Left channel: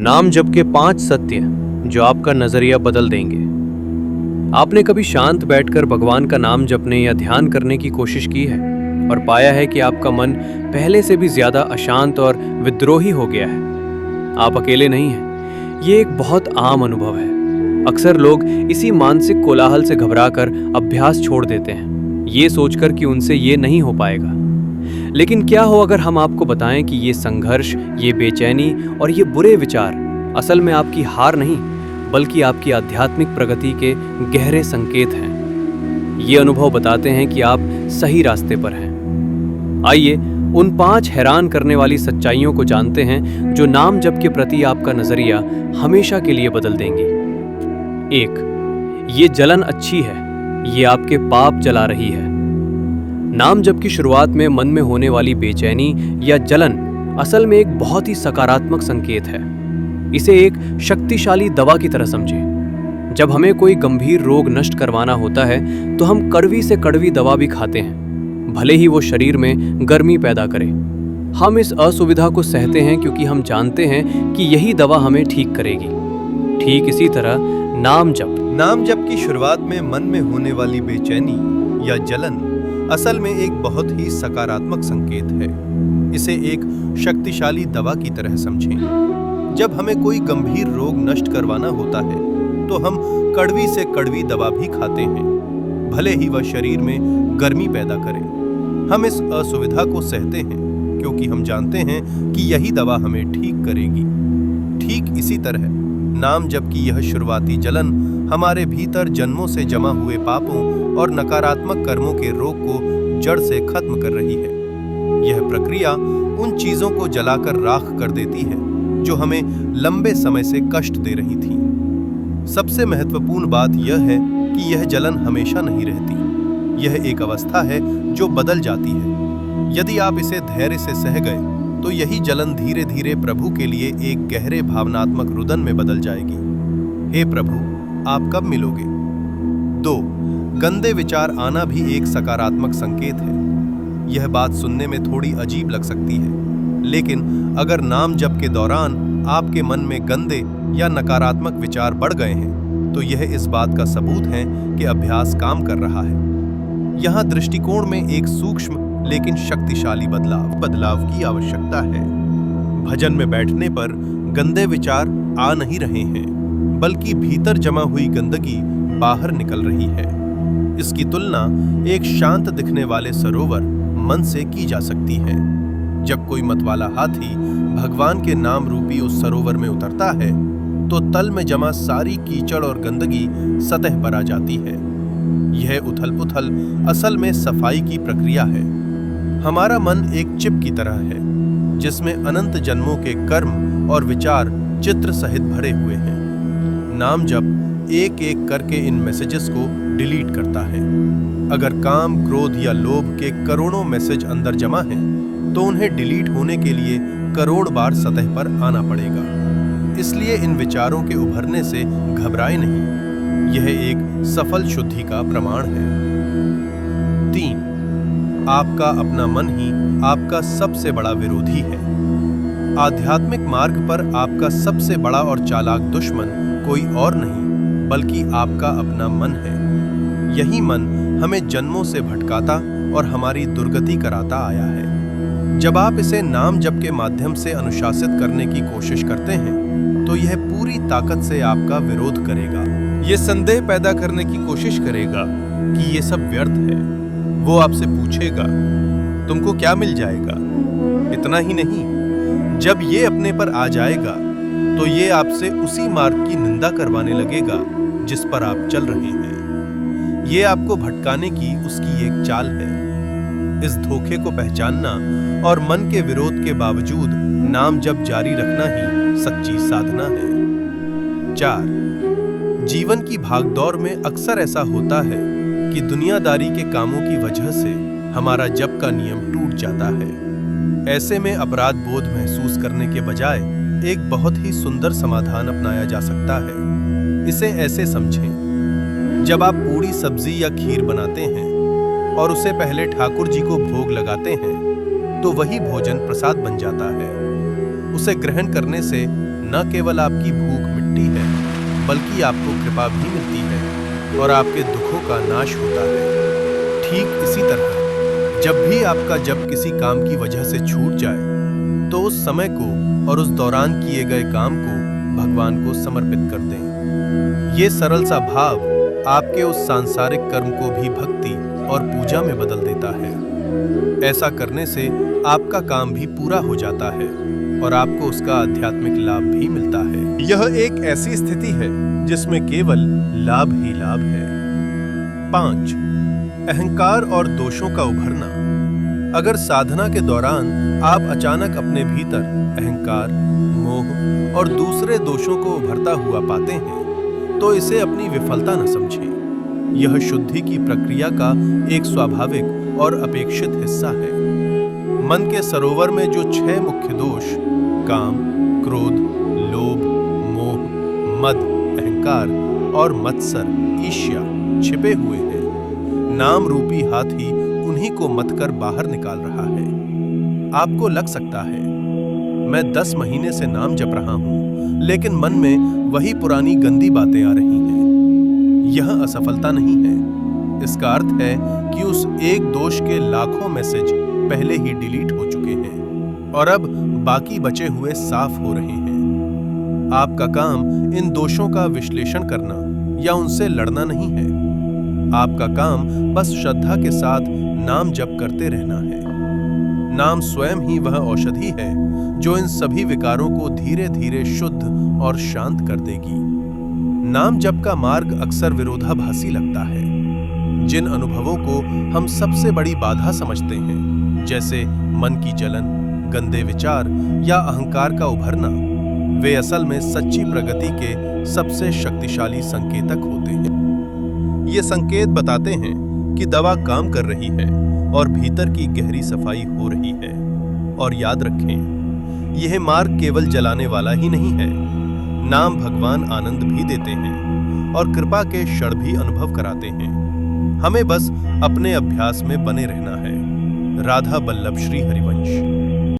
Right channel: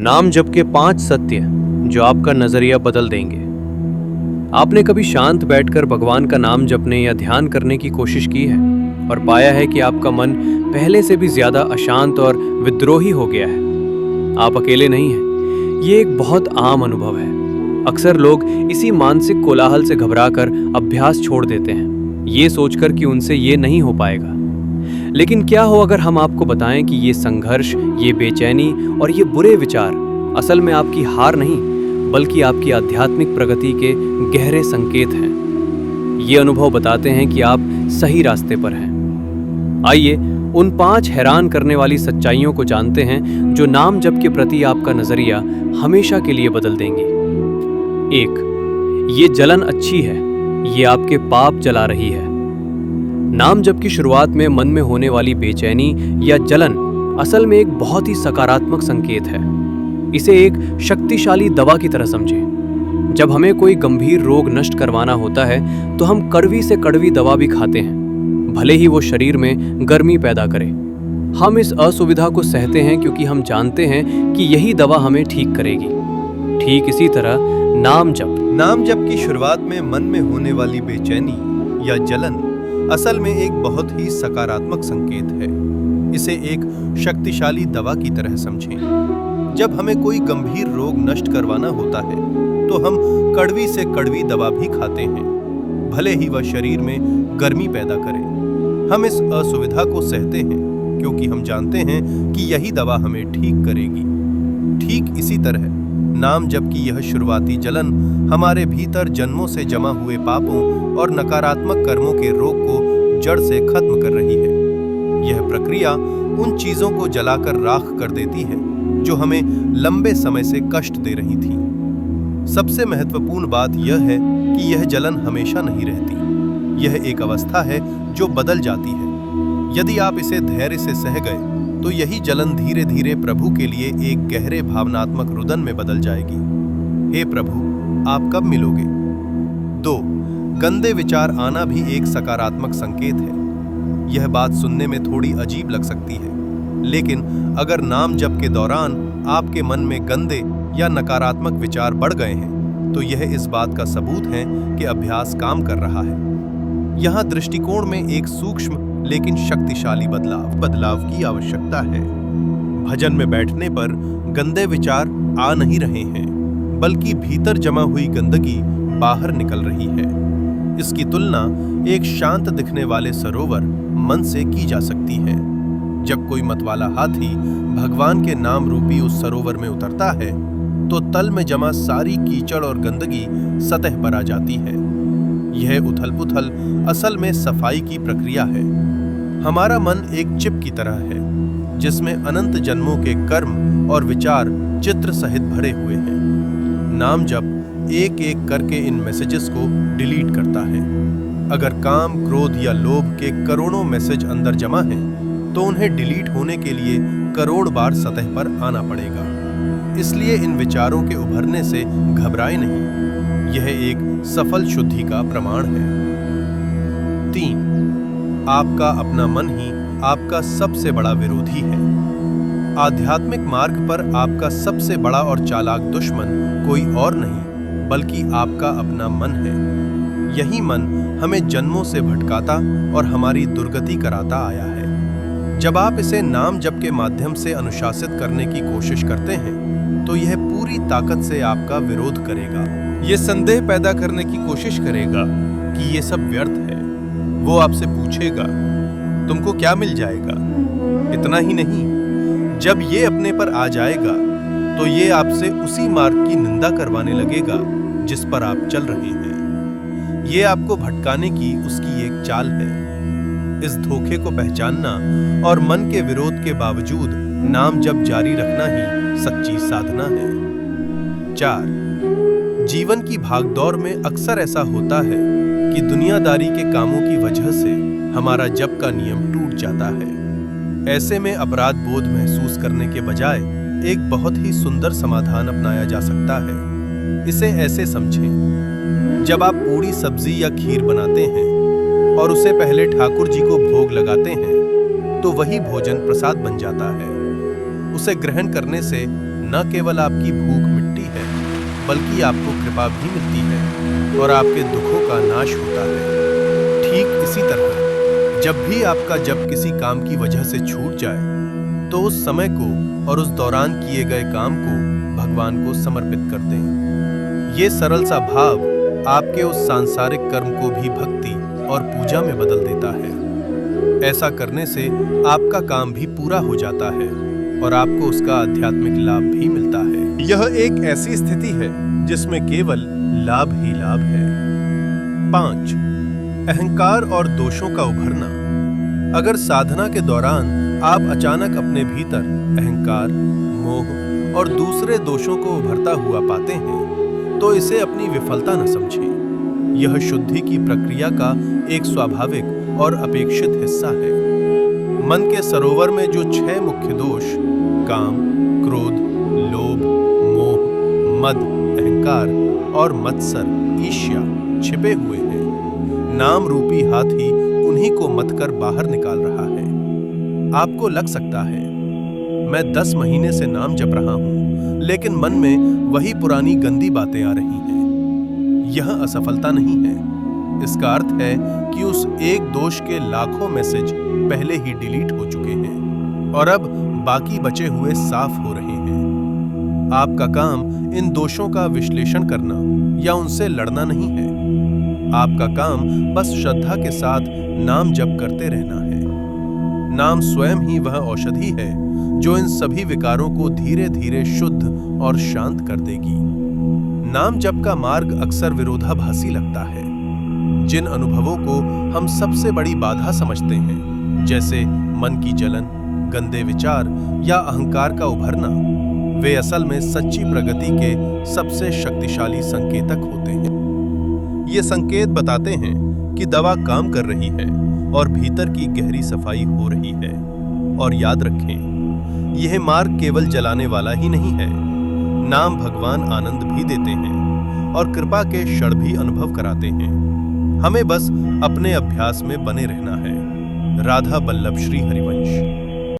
नाम जप के 5 सत्य जो आपका नजरिया बदल देंगे। आपने कभी शांत बैठकर भगवान का नाम जपने या ध्यान करने की कोशिश की है और पाया है कि आपका मन पहले से भी ज्यादा अशांत और विद्रोही हो गया है? आप अकेले नहीं हैं। ये एक बहुत आम अनुभव है। अक्सर लोग इसी मानसिक कोलाहल से घबराकर अभ्यास छोड़ देते हैं, ये सोचकर कि उनसे ये नहीं हो पाएगा। लेकिन क्या हो अगर हम आपको बताएं कि ये संघर्ष, ये बेचैनी और ये बुरे विचार असल में आपकी हार नहीं, बल्कि आपकी आध्यात्मिक प्रगति के गहरे संकेत हैं। ये अनुभव बताते हैं कि आप सही रास्ते पर हैं। आइए उन 5 हैरान करने वाली सच्चाइयों को जानते हैं जो नाम जप के प्रति आपका नजरिया हमेशा के लिए बदल देंगी। 1. ये जलन अच्छी है, ये आपके पाप जला रही है। नाम जप की शुरुआत में मन में होने वाली बेचैनी या जलन असल में एक बहुत ही सकारात्मक संकेत है। इसे एक शक्तिशाली दवा की तरह समझें। जब हमें कोई गंभीर रोग नष्ट करवाना होता है तो हम कड़वी से कड़वी दवा भी खाते हैं, भले ही वो शरीर में गर्मी पैदा करे। हम इस असुविधा को सहते हैं क्योंकि हम जानते हैं कि यही दवा हमें ठीक करेगी। ठीक इसी तरह नाम जप की शुरुआत में मन में होने वाली बेचैनी या जलन असल में एक बहुत ही सकारात्मक संकेत है। इसे एक शक्तिशाली दवा की तरह समझें। जब हमें कोई गंभीर रोग नष्ट करवाना होता है तो हम कड़वी से कड़वी दवा भी खाते हैं, भले ही वह शरीर में गर्मी पैदा करे। हम इस असुविधा को सहते हैं क्योंकि हम जानते हैं कि यही दवा हमें ठीक करेगी। ठीक इसी तरह नाम जप की यह शुरुआती जलन हमारे भीतर जन्मों से जमा हुए पापों और नकारात्मक कर्मों के रोग को जड़ से खत्म कर रही है। यह प्रक्रिया उन चीजों को जलाकर राख कर देती है जो हमें लंबे समय से कष्ट दे रही थी। सबसे महत्वपूर्ण बात यह है कि यह जलन हमेशा नहीं रहती। यह एक अवस्था है जो बदल जाती है। यदि आप इसे धैर्य से सह गए तो यही जलन धीरे धीरे प्रभु के लिए एक गहरे भावनात्मक रुदन में बदल जाएगी। हे प्रभु, आप कब मिलोगे? 2. गंदे विचार आना भी एक सकारात्मक संकेत है। यह बात सुनने में थोड़ी अजीब लग सकती है, लेकिन अगर नाम जप के दौरान आपके मन में गंदे या नकारात्मक विचार बढ़ गए हैं तो यह इस बात का सबूत है कि अभ्यास काम कर रहा है। यहाँ दृष्टिकोण में एक सूक्ष्म लेकिन शक्तिशाली बदलाव की आवश्यकता है। भजन में बैठने पर गंदे विचार आ नहीं रहे हैं, बल्कि भीतर जमा हुई गंदगी बाहर निकल रही है। इसकी तुलना एक शांत दिखने वाले सरोवर मन से की जा सकती है। जब कोई मतवाला हाथी भगवान के नाम रूपी उस सरोवर में उतरता है तो तल में जमा सारी कीचड़ और गंदगी सतह पर आ जाती है। यह उथल-पुथल असल में सफाई की प्रक्रिया है। हमारा मन एक चिप की तरह है जिसमें अनंत जन्मों के कर्म और विचार चित्र सहित भरे हुए हैं। नाम जप एक एक करके इन मैसेजेस को डिलीट करता है। अगर काम, क्रोध या लोभ के करोड़ों मैसेज अंदर जमा हैं, तो उन्हें डिलीट होने के लिए करोड़ बार सतह पर आना पड़ेगा। इसलिए इन विचारों के उभरने से घबराए नहीं। यह एक सफल शुद्धि का प्रमाण है। 3. आपका अपना मन ही आपका सबसे बड़ा विरोधी है। आध्यात्मिक मार्ग पर आपका सबसे बड़ा और चालाक दुश्मन कोई और नहीं, बल्कि आपका अपना मन है। यही मन हमें जन्मों से भटकाता और हमारी दुर्गति कराता आया है। जब आप इसे नाम जप के माध्यम से अनुशासित करने की कोशिश करते हैं तो यह पूरी ताकत से आपका विरोध करेगा। यह संदेह पैदा करने की कोशिश करेगा कि ये सब व्यर्थ है। वो आपसे पूछेगा, तुमको क्या मिल जाएगा? इतना ही नहीं, जब ये अपने पर आ जाएगा तो ये आपसे उसी मार्ग की निंदा करवाने लगेगा जिस पर आप चल रहे हैं। ये आपको भटकाने की उसकी एक चाल है। इस धोखे को पहचानना और मन के विरोध के बावजूद नाम जप जारी रखना ही सच्ची साधना है। 4. जीवन की भागदौड़ में अक्सर ऐसा होता है कि दुनियादारी के कामों की वजह से हमारा जप का नियम टूट जाता है। ऐसे में अपराध बोध महसूस करने के बजाय एक बहुत ही सुंदर समाधान अपनाया जा सकता है। इसे ऐसे समझें, जब आप पूरी सब्जी या खीर बनाते हैं और उसे पहले ठाकुर जी को भोग लगाते हैं तो वही भोजन प्रसाद बन जाता है। उसे ग्रहण करने से न केवल आपकी भूख मिटती है, बल्कि आपको कृपा भी मिलती है और आपके दुखों का नाश होता है। ठीक इसी तरह जब भी आपका जप किसी काम की वजह से छूट जाए, तो उस समय को और उस दौरान किए गए काम को भगवान को समर्पित कर दें। ये सरल सा भाव आपके उस सांसारिक कर्म को भी भक्ति और पूजा में बदल देता है। ऐसा करने से आपका काम भी पूरा हो जाता है और आपको उसका आध्यात्मिक लाभ भी मिलता है। यह एक ऐसी स्थिति है जिसमें केवल लाभ ही लाभ है। 5. अहंकार और दोषों का उभरना। अगर साधना के दौरान आप अचानक अपने भीतर अहंकार, मोह और दूसरे दोषों को उभरता हुआ पाते हैं, तो इसे अपनी विफलता न समझें। यह शुद्धि की प्रक्रिया का एक स्वाभाविक और अपेक्षित हिस्सा है। मन के सरोवर में जो 6 मुख्य दोष काम, क्रोध, लोभ, मोह, मद, अहंकार और मत्सर, ईर्ष्या छिपे हुए हैं, नाम रूपी हाथी उन्हीं को मत कर बाहर निकाल रहा है। आपको लग सकता है, मैं 10 महीने से नाम जप रहा हूं, लेकिन मन में वही पुरानी गंदी बातें आ रही हैं। यह असफलता नहीं है। इसका अर्थ है कि उस एक दोष के लाखों मैसेज पहले ही डिलीट हो चुके हैं और अब बाकी बचे हुए साफ हो रहे हैं। आपका काम इन दोषों का विश्लेषण करना या उनसे लड़ना नहीं है। आपका काम बस श्रद्धा के साथ नाम जप करते रहना है। नाम स्वयं ही वह औषधि है जो इन सभी विकारों को धीरे धीरे शुद्ध और शांत कर देगी। नाम जप का मार्ग अक्सर विरोधाभासी लगता है। जिन अनुभवों को हम सबसे बड़ी बाधा समझते हैं, जैसे मन की जलन, गंदे विचार या अहंकार का उभरना, वे असल में सच्ची प्रगति के सबसे शक्तिशाली संकेतक होते हैं। ये संकेत बताते हैं कि दवा काम कर रही है और भीतर की गहरी सफाई हो रही है। और याद रखें, यह मार्ग केवल जलाने वाला ही नहीं है। नाम भगवान आनंद भी देते हैं और कृपा के क्षण भी अनुभव कराते हैं। हमें बस अपने अभ्यास में बने रहना है। राधा बल्लभ श्री हरिवंश।